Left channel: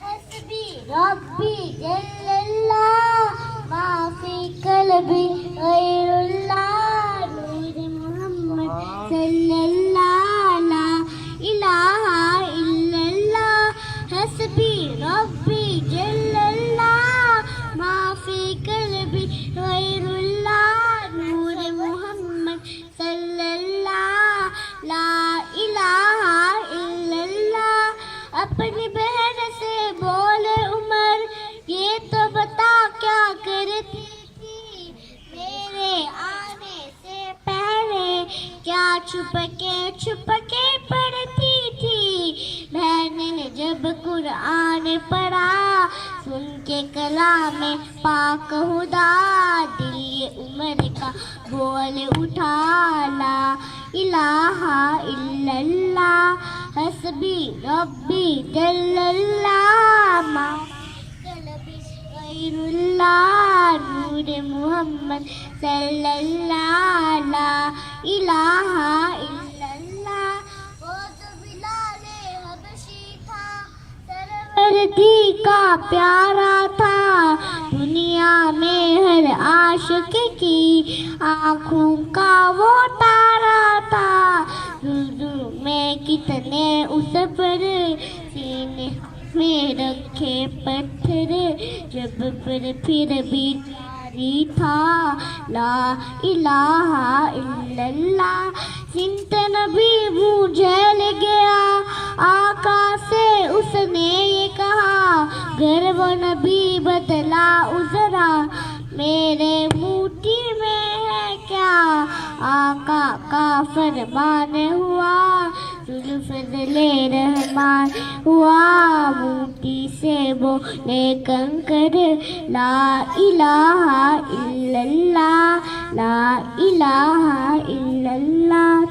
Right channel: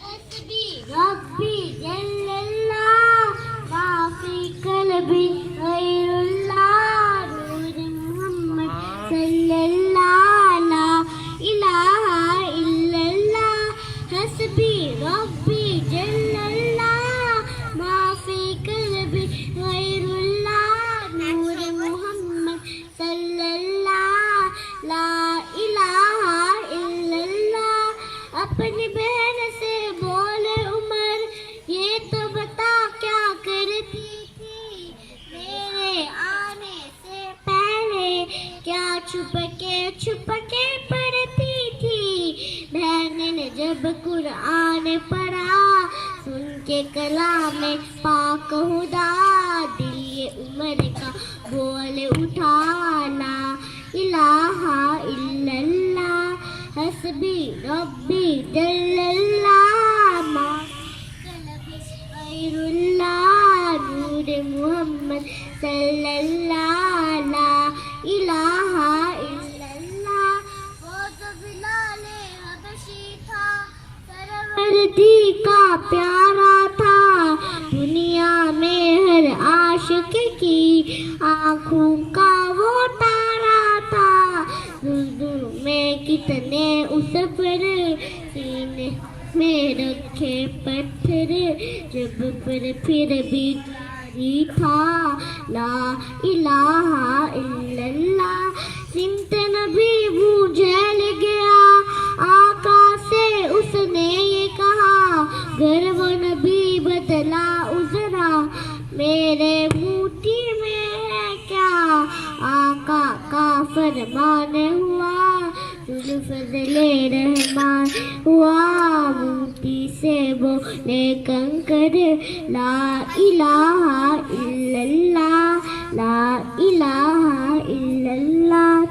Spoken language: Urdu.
حسبي ربي جل الله ما في قلبي غير الله نور محمد صلى الله لا إله إلا الله حسبي ربي جل الله ما في قلبي غير الله نور محمد صلى الله لا إله إلا الله اپنی بہن سے بولے عمر یہ تو بتا کیا کرتی تھی میرے آنے سے پہلے کیا چھپ کے پڑھتی تھی بہن نے جب قرآن پڑھا سن کے کلام پاک خدا دل یہ عمر کا بول اٹھا لا الہ الا اللہ حسبی ربی جل اللہ ما قلبی غیر اللہ نور محمد صلی اللہ لا الہ الا اللہ وہ تو بلال حبشی تھا سروردی کا پیارا تھا دنیا میں ہر عاشق کی آنکھوں کا وہ تارا تھا میں کتنے اس پر سینے میں رکھے پتھر جب پر پھر بھی جاری تھا لا الہ الا اللہ سمت نبی بوجھل گیا آقا سے اس نے یہ کہا گر وہ نبی بدلا ازرا میرے موٹی میں ہے کیا آقا کا فرمان ہوا فضل رحمان ہوا موٹی سے بولے کنکر لا الہ الا اللہ لا الہ الا اللہ